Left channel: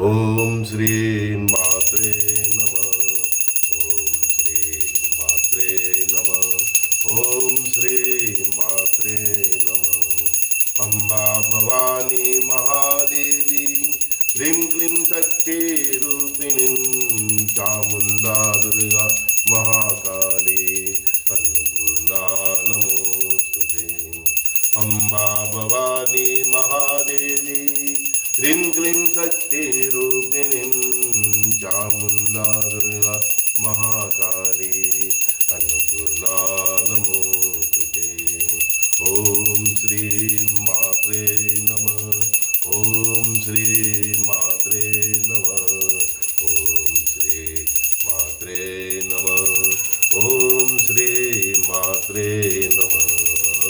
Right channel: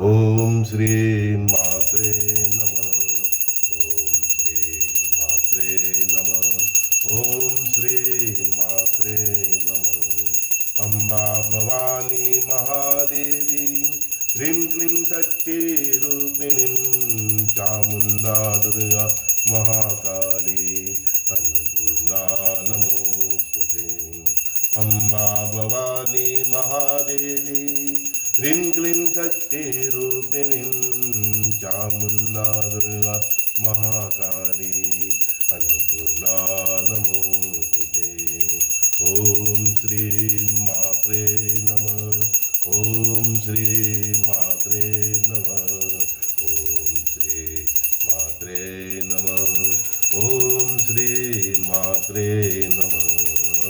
ओम श्री मात्रे नमः। ओम श्री मात्रे नमः। ओम श्री मात्रे नमः। अम्बा भवानी महादेवी ह्रीं क्लीं शक्ति रूपिणीं चामुण्डा दुर्गा महाकाली अन्नपूर्णा नमोस्तुते। अम्बा भवानी महादेवी ह्रीं क्लीं शक्ति रूपिणीं चामुण्डा दुर्गा महाकाली अन्नपूर्णा नमोस्तुते। ओम श्री मात्रे नमः। ओम श्री मात्रे नमः। ओम श्री मात्रे नमः। ओम श्री मात्रे नमः।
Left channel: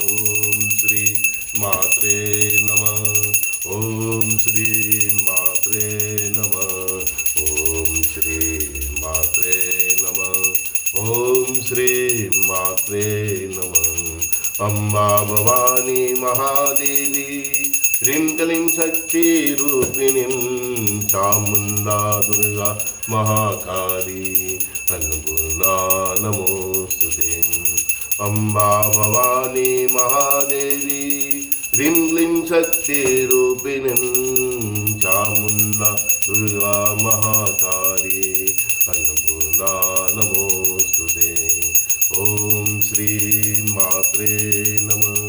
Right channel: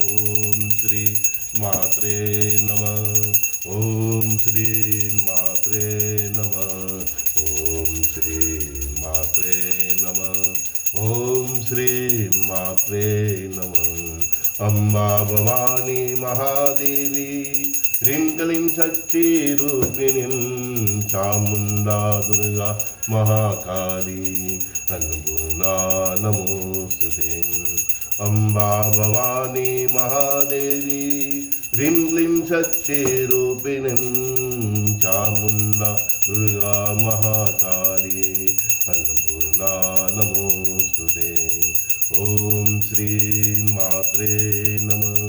ओम श्री मात्रे नमः। ओम श्री मात्रे नमः। ओम श्री मात्रे नमः। ओम श्री मात्रे नमः। अम्बा भवानी महादेवी ह्रीं क्लीं शक्ति रूपिणीं चामुण्डा दुर्गा महाकाली अन्नपूर्णा नमोस्तुते। अम्बा भवानी महादेवी ह्रीं क्लीं शक्ति रूपिणीं चामुण्डा दुर्गा महाकाली अन्नपूर्णा नमोस्तुते। ओम श्री मात्रे नमः।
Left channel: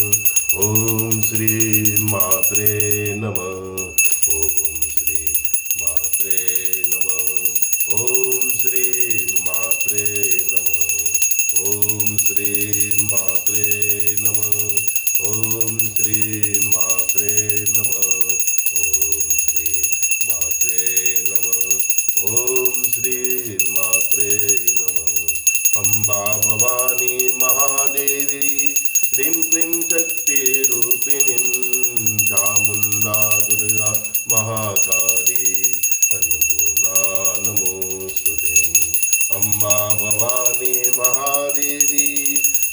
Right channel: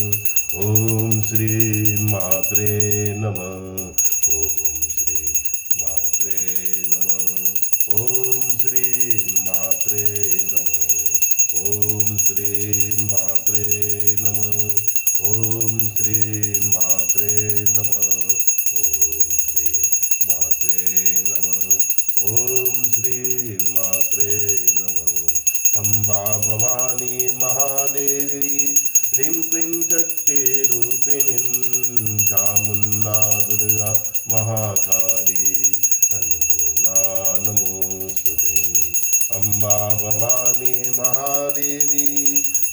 ओम श्री मात्रे नमः। ओम श्री मात्रे नमः। ओम श्री मात्रे नमः। ओम श्री मात्रे नमः। ओम श्री मात्रे नमः। ओम श्री मात्रे नमः। ओम श्री मात्रे नमः। अम्बा भवानी महादेवी ह्रीं क्लीं शक्ति रूपिणीं चामुण्डा दुर्गा महाकाली अन्नपूर्णा नमोस्तुते। अम्बा भवानी महादेवी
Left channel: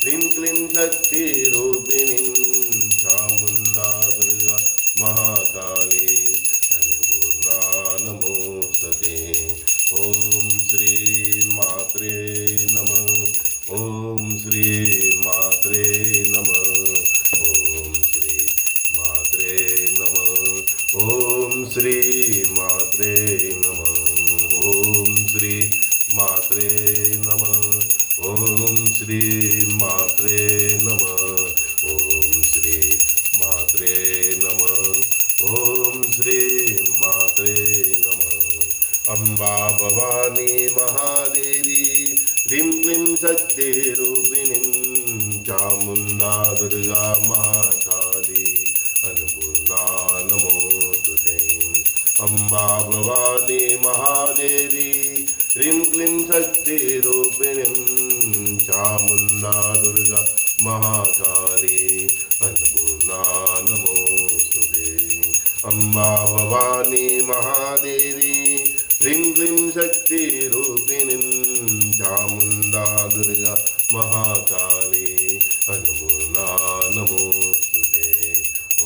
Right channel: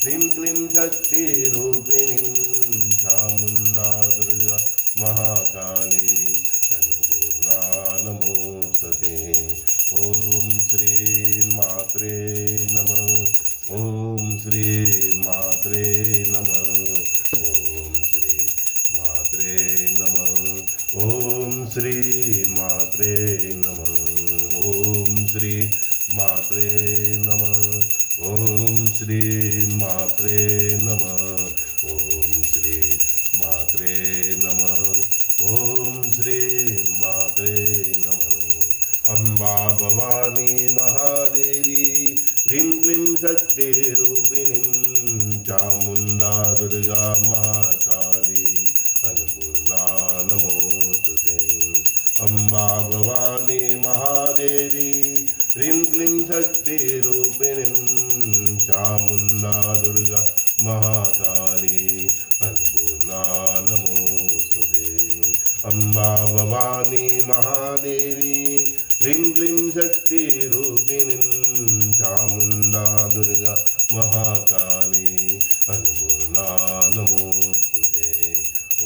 ह्रीं क्लीं शक्ति रूपिणीं चामुण्डा दुर्गा महाकाली अन्नपूर्णा नमोस्तुते। ओम श्री मात्रे नमः। ओम श्री मात्रे नमः। ओम श्री मात्रे नमः। ओम श्री मात्रे नमः। ओम श्री मात्रे नमः। ओम श्री मात्रे नमः। ओम श्री मात्रे नमः। ओम श्री मात्रे नमः। अम्बा भवानी महादेवी ह्रीं क्लीं शक्ति रूपिणीं चामुण्डा दुर्गा महाकाली अन्नपूर्णा नमोस्तुते। अम्बा भवानी महादेवी ह्रीं क्लीं शक्ति रूपिणीं चामुण्डा दुर्गा महाकाली अन्नपूर्णा नमोस्तुते। अम्बा भवानी महादेवी ह्रीं क्लीं शक्ति रूपिणीं चामुण्डा दुर्गा महाकाली अन्नपूर्णा नमोस्तुते।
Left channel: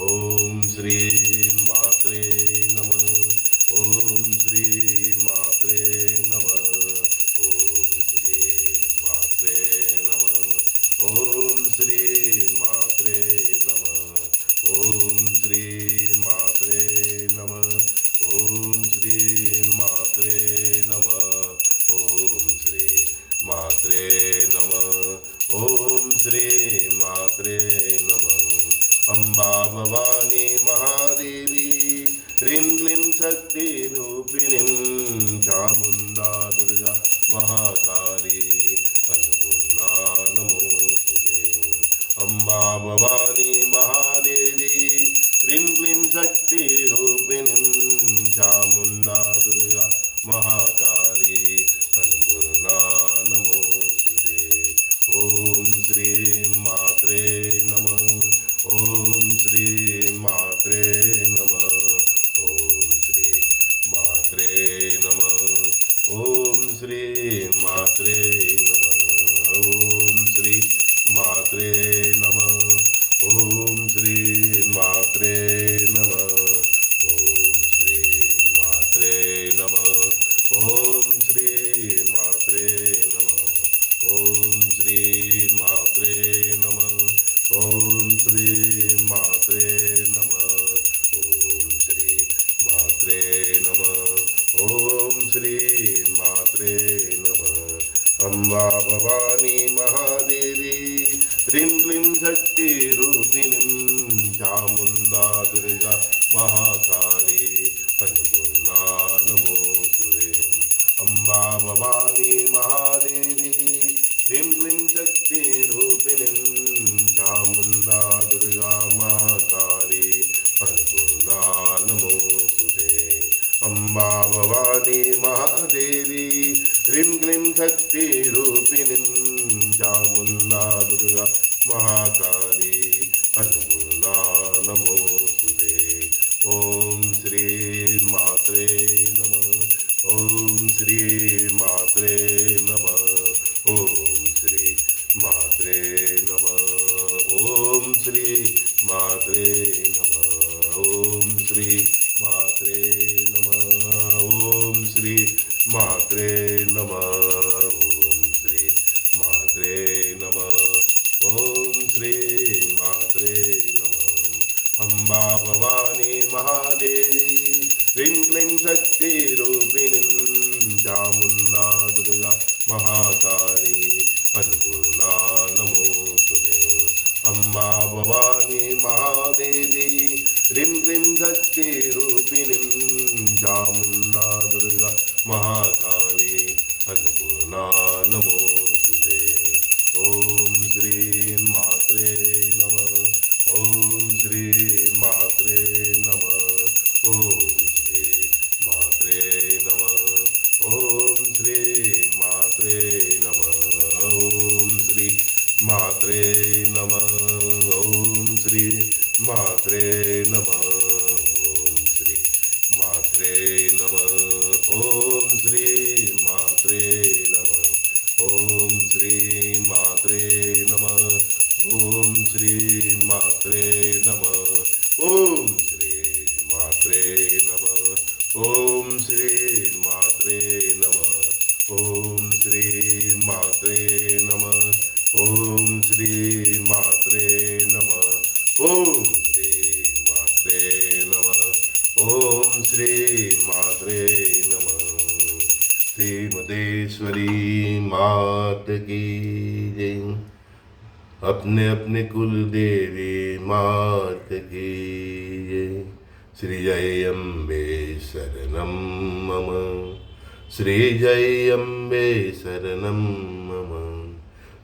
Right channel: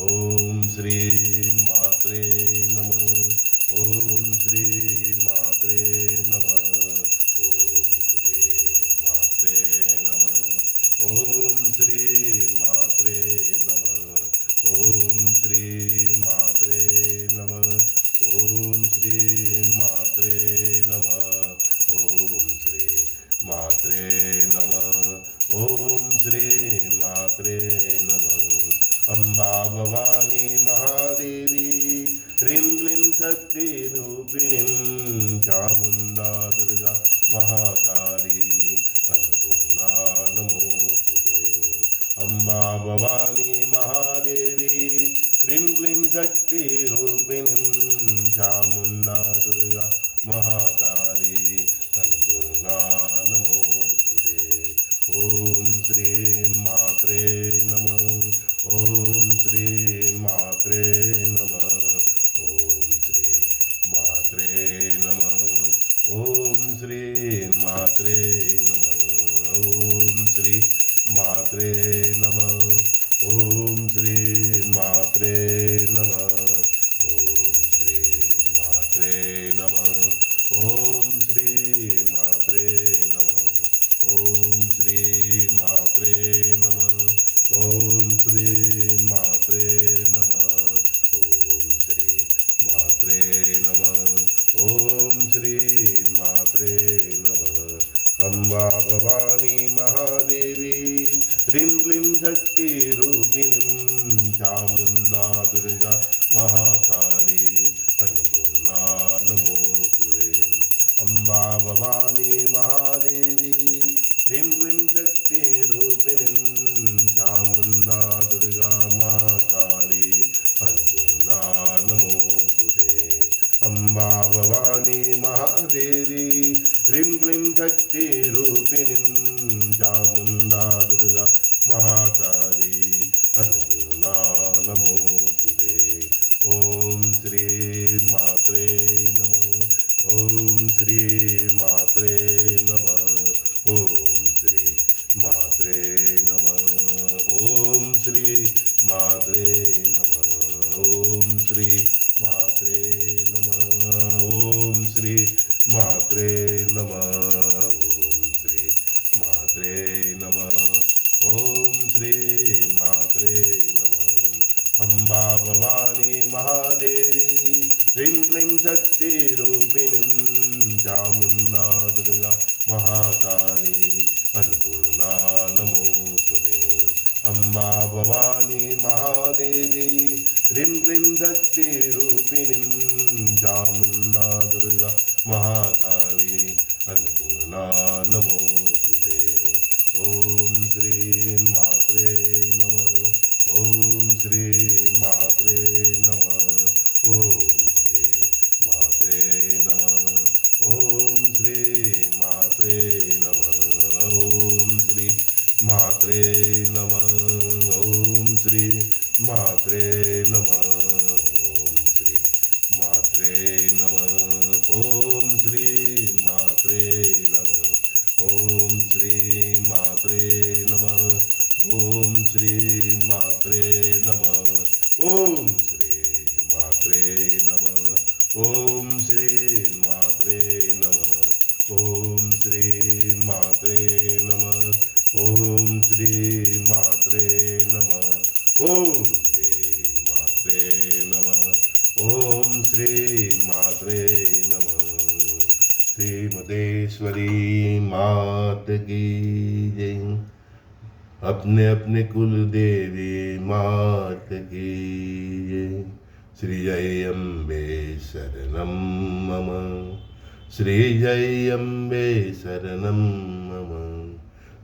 ओम श्री मात्रे नमः। ओम श्री मात्रे नमः। ओम श्री मात्रे नमः। ओम श्री मात्रे नमः। ओम श्री मात्रे नमः। ओम श्री मात्रे नमः। ओम श्री मात्रे नमः। ओम श्री मात्रे नमः। अम्बा भवानी महादेवी ह्रीं क्लीं शक्ति रूपिणीं चामुण्डा दुर्गा महाकाली अन्नपूर्णा नमोस्तुते। अम्बा भवानी महादेवी ह्रीं क्लीं शक्ति रूपिणीं चामुण्डा दुर्गा महाकाली अन्नपूर्णा नमोस्तुते। ओम श्री मात्रे नमः। ओम श्री मात्रे नमः। ओम श्री मात्रे नमः। ओम श्री मात्रे नमः। ओम श्री मात्रे नमः। ओम श्री मात्रे नमः। ओम श्री मात्रे मात्रे नमः ओम श्री मात्रे नमः अम्बा भवानी महादेवी ह्रीं क्लीं शक्तिरूपिणीं चामुण्डा दुर्गा महाकाली अन्नपूर्णा नमोस्तुते अम्बा भवानी महादेवी ह्रीं क्लीं शक्तिरूपिणीं चामुण्डा दुर्गा महाकाली अन्नपूर्णा नमोस्तुते अम्बा भवानी महादेवी ह्रीं क्लीं शक्तिरूपिणीं चामुण्डा दुर्गा महाकाली अन्नपूर्णा नमोस्तुते ओम श्री मात्रे नमः ओम श्री मात्रे नमः ओम श्री मात्रे नमः ओम श्री मात्रे नमः ओम श्री मात्रे नमः ओम श्री मात्रे नमः ओम श्री मात्रे नमः ओम श्री मात्रे नमः अम्बा भवानी महादेवी ह्रीं क्लीं शक्तिरूपिणीं चामुण्डा दुर्गा महाकाली अन्नपूर्णा नमोस्तुते अम्बा भवानी महादेवी ह्रीं क्लीं शक्तिरूपिणीं चामुण्डा दुर्गा महाकाली अन्नपूर्णा नमोस्तुते ओम श्री मात्रे नमः ओम श्री मात्रे नमः ओम श्री मात्रे नमः ओम श्री मात्रे नमः ओम श्री मात्रे नमः ओम श्री मात्रे नमः ओम श्री मात्रे नमः ओम श्री मात्रे नमः ओम श्री मात्रे नमः ओम श्री मात्रे नमः ओम श्री मात्रे नमः ओम श्री मात्रे नमः ओम श्री मात्रे नमः ओम श्री मात्रे नमः ओम श्री मात्रे नमः ओम श्री मात्रे नमः श्रीमतेश्वरी मात की जय अपने अपने कुल देवी मात की जय श्री जय अम्बे शरणम मम श्री जय अम्बे शरणम मम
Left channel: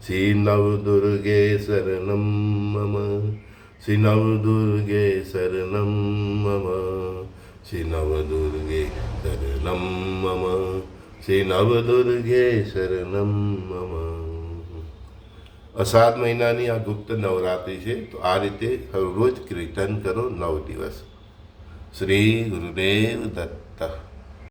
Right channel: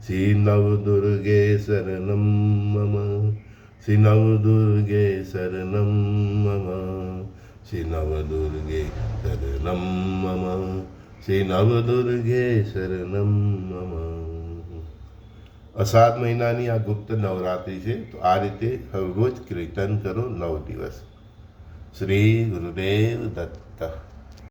श्री नवदुर्गे शरणम मम श्री नवदुर्गे शरणम मम श्री नवदुर्गे शरणम मम श्री नवदुर्गे शरणम मम અષાઢ મહિનાની આ ગુપ્ત નવરાત્રિ છે તો આ રીતે રોજ કીર્તન કરો 9 દિવસ શ્રી ગુરુદેવ દત્ત